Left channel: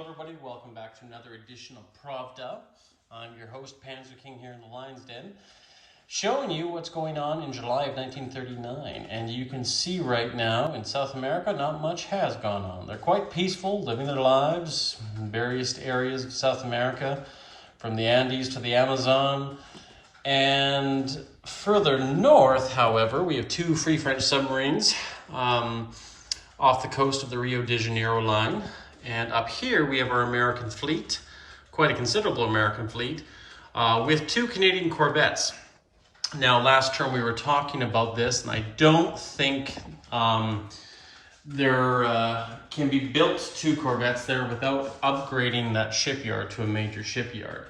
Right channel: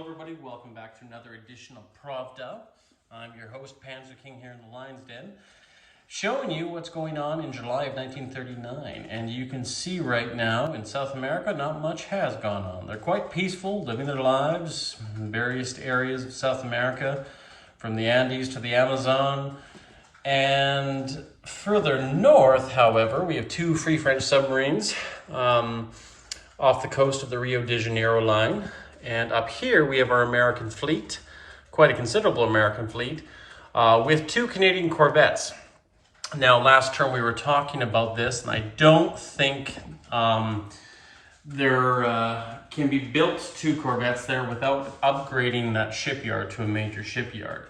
Hello everybody, welcome back to another edition of PRAVA. I'm your host, Panzer King here in the Lion's Den, showing you what's going on in July of 1939. And you can see right now in South America, not much has gone on. They're quite peaceful, living their lives in various areas of South America, from the Andes to the Amazon. And further north, however, we have two Free French submarines off the coast of the Rio de Janeiro line. And up here we have our American fleet, quite a considerable American fleet, with two Canadian corvettes. Now, last term we were talking about this, and I don't think there can be built two corvettes there without upgrading that shipyard to a major shipyard.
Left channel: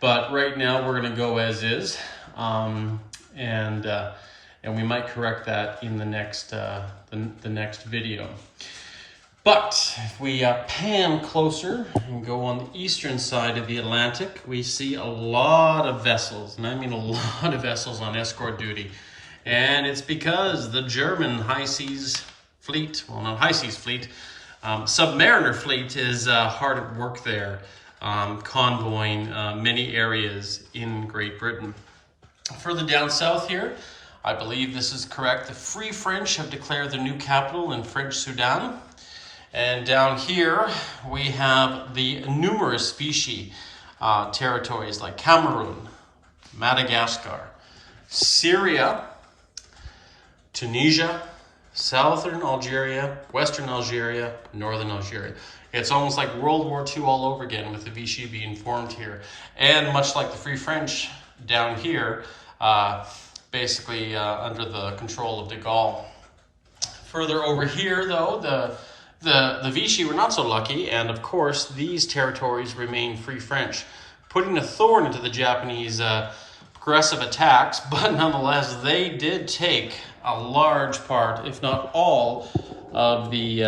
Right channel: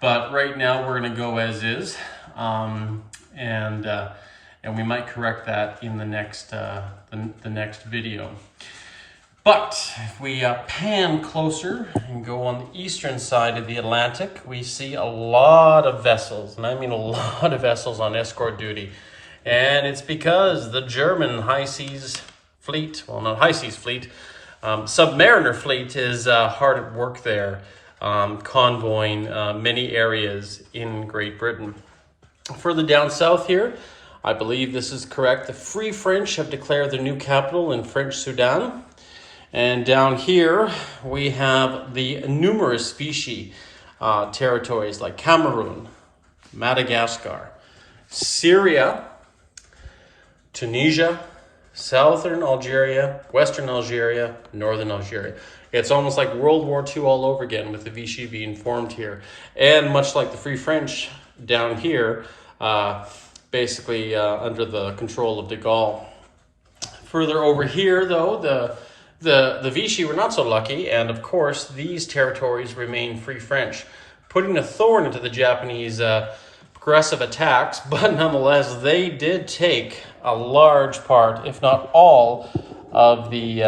But right now we're going to go as is, and we might correct that in the next video. But if we pan closer and go on the eastern side of the Atlantic, we see a lot of vessels, and I mean a lot of vessels on escort duty. And it's because the German high seas fleet, well, not high seas fleet, submariner fleet is hard at work there, convoying many areas in Great Britain. Further down south here, I believe this is correct, the Free French have declared their new capital in French Sudan. And down here, we have the numerous Vichy territories like Cameroon, Madagascar, Syria, Tunisia, southern Algeria, western Algeria, northern Algeria. It's almost like World War II all over again with the Vichy being formed here. And much like the Free French down here, basically under the control of de Gaulle. Further over here, though, the Vichy were not so lucky, and of course these territories remain Free French, putting a thorn into the Japanese aggressive attacks. But nonetheless, they did take a large part, if not all, of the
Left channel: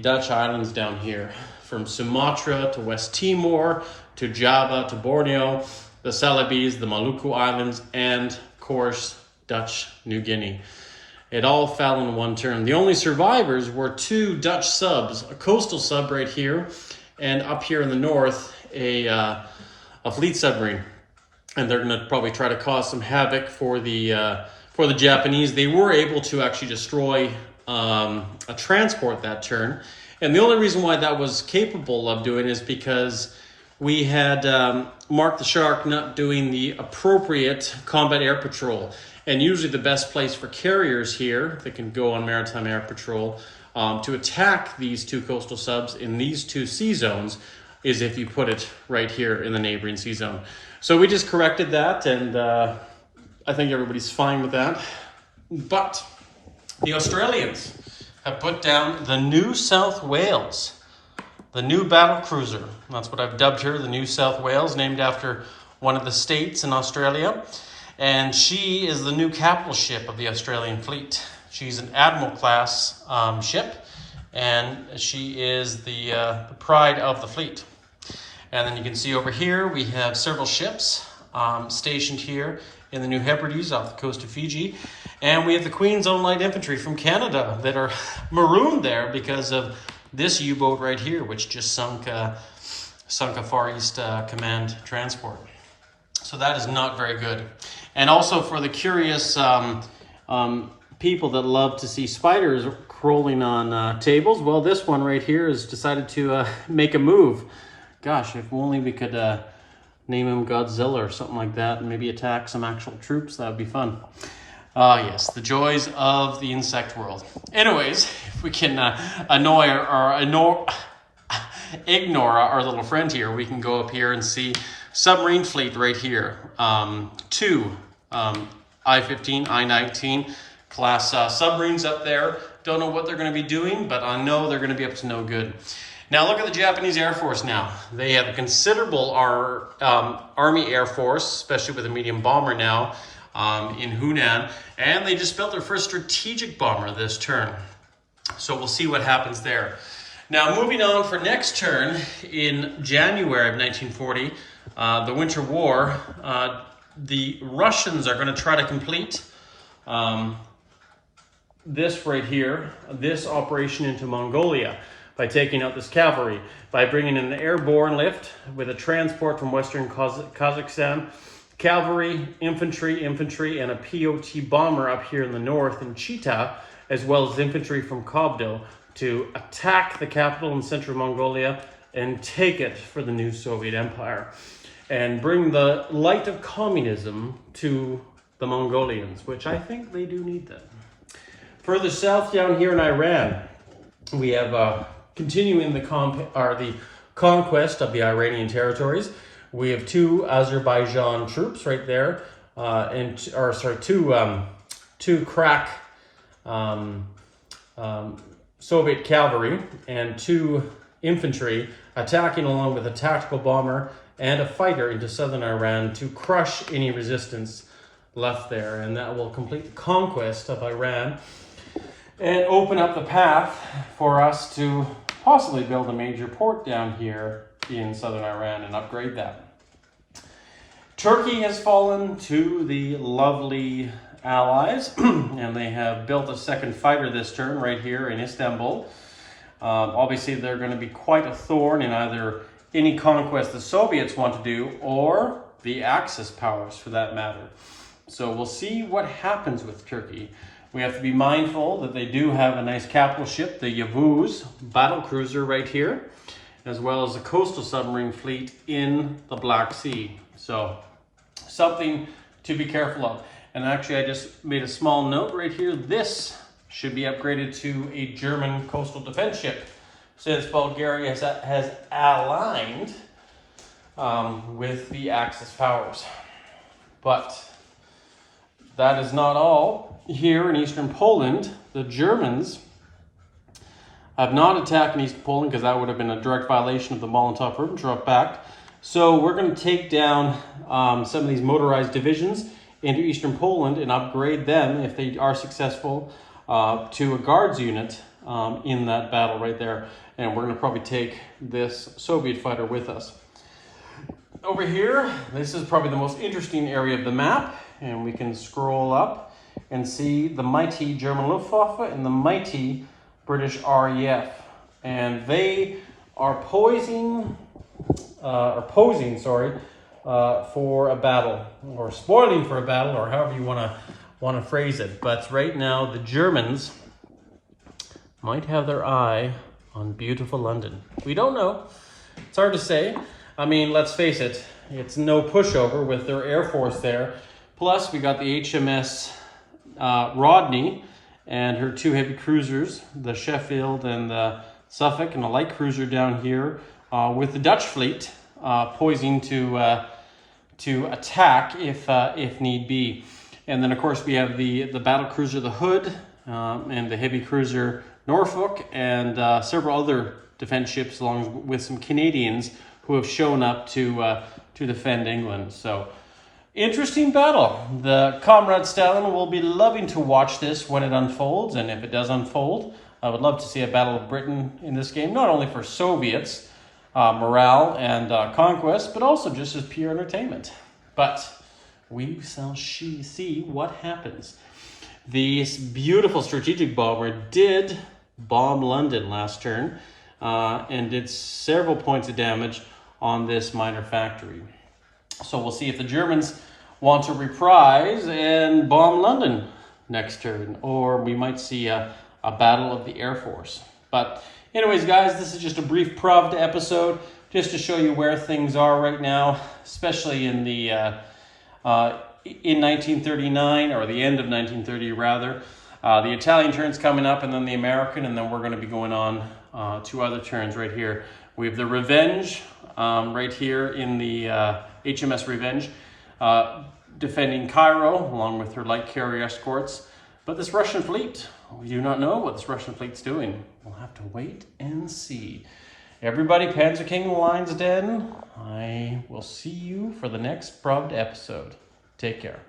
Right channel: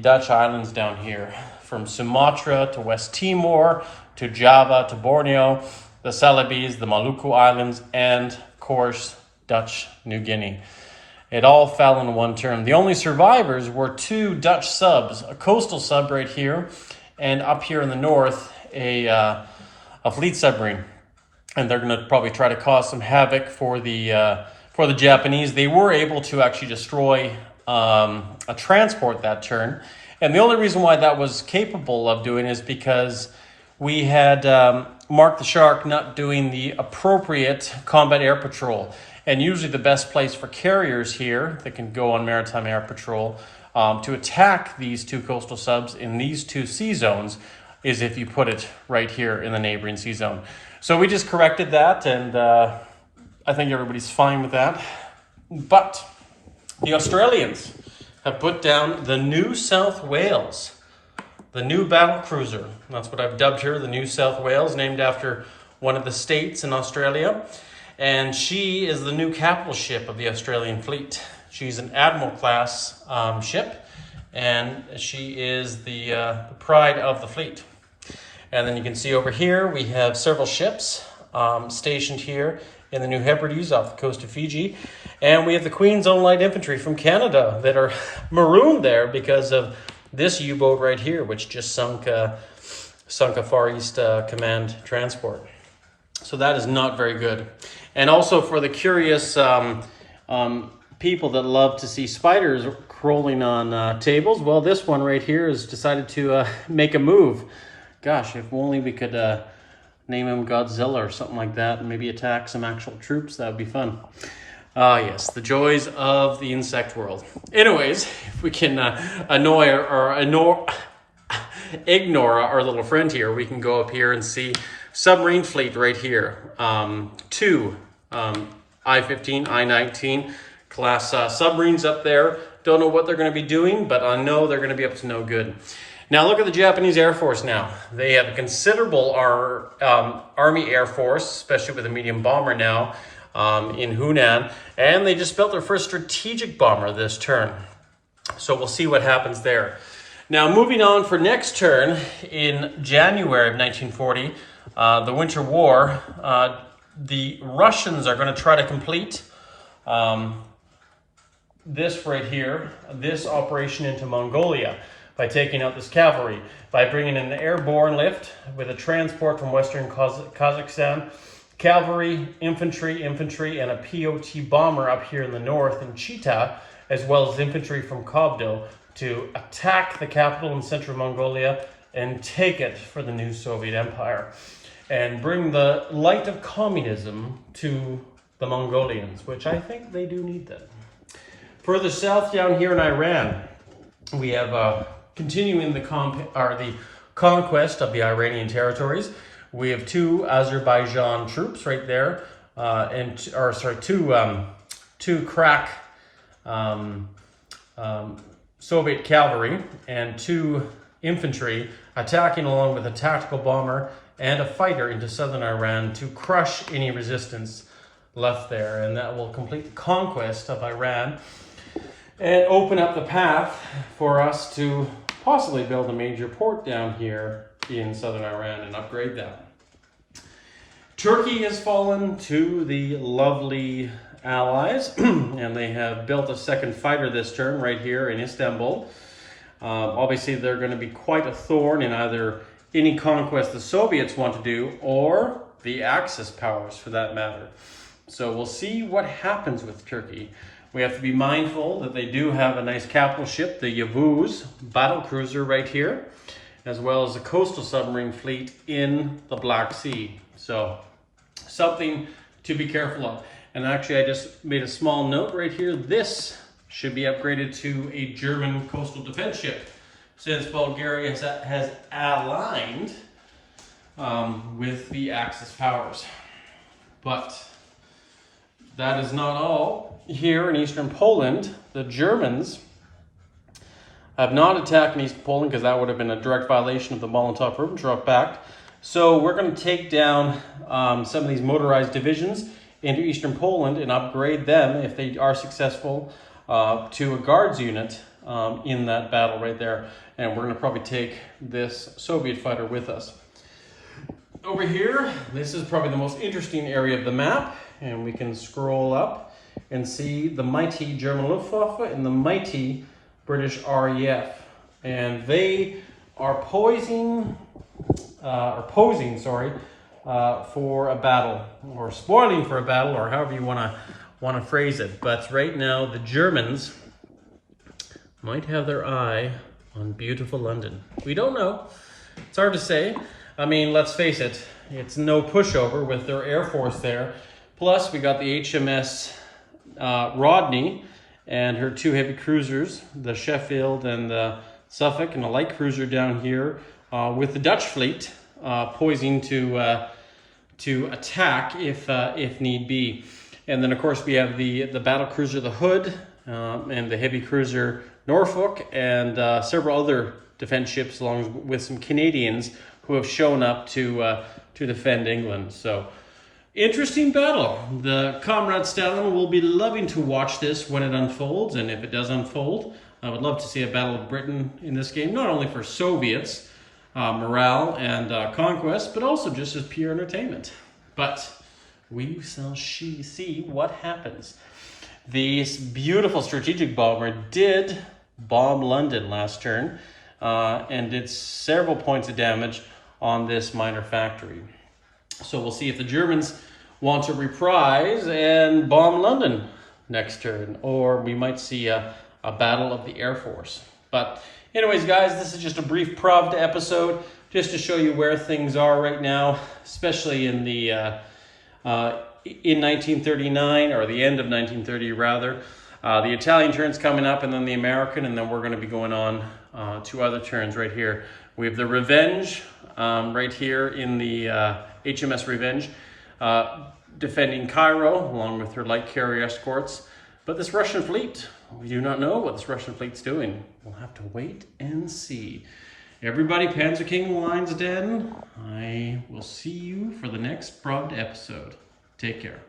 Dutch islands down here, from Sumatra to West Timor to Java to Borneo, the Celebes, the Maluku Islands, and of course Dutch New Guinea. It all fell in one term. The only survivors were two Dutch subs, a coastal sub right here, and up here in the north, a fleet submarine. And they're going to probably try to cause some havoc for the Japanese. They were able to actually destroy a transport that turn. And the only reason why that was capable of doing is because we had Mark the Shark not doing the appropriate combat air patrol. And usually the best place for carriers here that can go on maritime air patrol to attack these two coastal subs in these two sea zones is if you put it right here in the neighboring sea zone. So we just corrected that, and I think everybody's fine with that. But the Australians have put down the New South Wales, the new battle cruiser. That's what I've dubbed her, the New South Wales, named after one of the states in Australia. And she is the new capital ship of the Australian fleet. She's an Admiral-class ship, and she is the pride of the fleet. And then you can see over here, we have several ships stationed here in the New Hebrides off the coast of Fiji. And we have the Queen's Own Light Infantry from Canada that are marooned there because of this U-boat right here, which just sunk a Far East Command transport. So that is not very good. And also for the curious people that love to see spiders crawling on tables, well, this one right here has decided to make a move. Gosh, if only we could name him Godzilla or something like that and maybe attack some actual troops, that would be fun. Ah, yes, the joys of the insect world. Anyways, if we can ignore our little friend here, we can go up here and see submarine fleet right here. Two I-15, I-19 class submarines up there. Don't know what they're going to be doing, but I know they're going to be up to no good. Now look at the Japanese Air Force now. They have a considerable Army Air Force, especially with a medium bomber now in Hunan. And they just built their first strategic bomber this turn. So we'll see what happens there. Now moving on for next turn, in January of 1940, the Winter War, the Russians are going to try to complete this right here, this operation into Mongolia. by taking out this cavalry, by bringing in the airborne lift with a transport from Western Kazakhstan, cavalry, infantry, and a POT bomber up here in the north in Chita, as well as infantry from Kobdo to attack the capital in central Mongolia and take it for the new Soviet Empire and bring the light of communism to the Mongolians, which I think they do need that. Further south down here in Iran, we have continuing the conquest of the Iranian territories. We have two Azerbaijan troops right there, two crack Soviet cavalry and two infantry attacking along with a tactical bomber and a fighter into southern Iran to crush any resistance left there. And that will complete the conquest of Iran and open up the path for us to possibly build a major port down here in southern Iran and upgrade that. Turkey has fallen to the lovely Allies, and they have built a second fighter this turn right here in Istanbul. Obviously, they're going to be quite a thorn in either any conquest the Soviets want to do or the Axis powers for that matter. So we'll see what happens with Turkey. We have to be mindful that they do have a nice capital ship, the Yavuz battle cruiser right here, as well as a coastal submarine fleet in the Black Sea. So something to be careful of. And actually, I just made a small note right here. This should be upgraded to a German coastal defense ship, since Bulgaria has aligned with the Axis powers. But that is not all. Here in eastern Poland, the Germans have not attacked in East Poland because that would have been a direct violation of the Molotov-Ribbentrop Pact. So we're going to take down some of these motorized divisions into eastern Poland and upgrade them, if they are successful, to a guards unit in that battle right there. And we're going to probably take this Soviet fighter with us. Over here, this is probably the most interesting area of the map, and we can scroll up and see the mighty German Luftwaffe and the mighty British RAF. And they are posing for a battle, or spoiling for a battle, or however you want to phrase it. But right now, the Germans might have their eye on beautiful London. We don't know. It's hard to say. I mean, let's face it, it's no pushover with their Air Force there. Plus, we got the HMS Rodney and her two heavy cruisers, the Sheffield and the Suffolk, and a light cruiser down here with the Dutch fleet poising to attack if need be. And then, of course, we have the battle cruiser, the Hood, and the heavy cruiser Norfolk, and several other defense ships, along with some Canadians who have shown up to defend England. So, interesting battle. The Comrade Stalin will be loving to watch this when it unfolds, and if it does unfold, I would love to see a Battle of Britain in this game, not only for Soviets, morale and conquest, but also just as pure entertainment. But we shall see what happens. This beautiful strategic bomber did bomb London last turn and did several points of damage on this minor factory. So we'll see if the Germans want to reprise and bomb London next turn, or we might see a battle of the Air Force. But anyways, guys, this is just a brief PRAVA episode just to show you where things are right now, especially in the in 1939, or the end of 1930 rather. The Italian turn's coming up, and then the American, and then we're going to be going on to other turns right here. We have the Revenge right here in the HMS Revenge, defending Cairo along with her light carrier escorts. But this Russian fleet, we do not know what this Russian fleet's doing. We'll have to wait and see. Everybody, Panzer King Lion's Den, I will see you for the next PRAVA episode. Take care.